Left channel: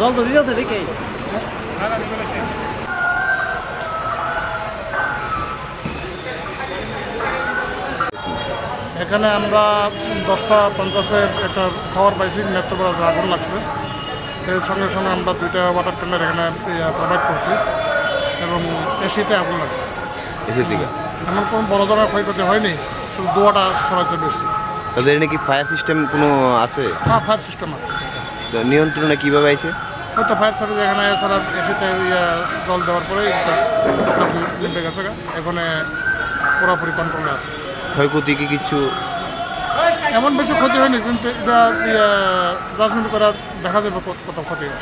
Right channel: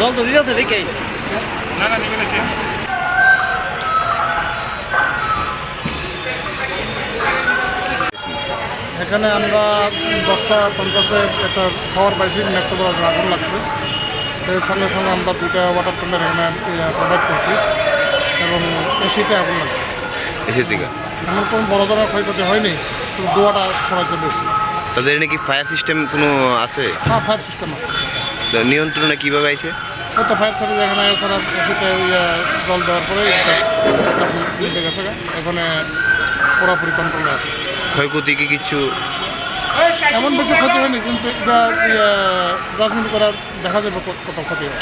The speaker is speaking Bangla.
জল ধরে আছে দেখে এখানে আমরা 10:50 একটা খবর পাইছি নেত্রকোনা আগুন লাগছে। এর সঙ্গে সঙ্গে আমরা 2টা ওয়াটার ট্যাঙ্কার এখানে প্রোভাইড করছি এবং এসিতে আগুন লাগছে। এসে থেকে এমন কোনো বড় ধরনের ক্ষয়ক্ষতি হয়নি, শুধু দোয়াটা ছড়াইছে বেশি। তাদের নাকি ফায়ার সিস্টেম কোনো আছে? হ্যাঁ, ফায়ার সিস্টেম আছে। তো নিয়ন্ত্রণে কীভাবে আছে? হয়তো ফায়ার সার্ভিস এখানে এছাড়া এসিতে জল দেওয়ার পরে নিভে গেছে। এখানে পুরোপুরি কন্ট্রোলে আছে। ক্ষয়ক্ষতি কি কিছু? এমন বেশি ক্ষতি হয়নি, কিন্তু এটা জাজমেন্ট করা দেখা যাবে কত ক্ষতি হয়।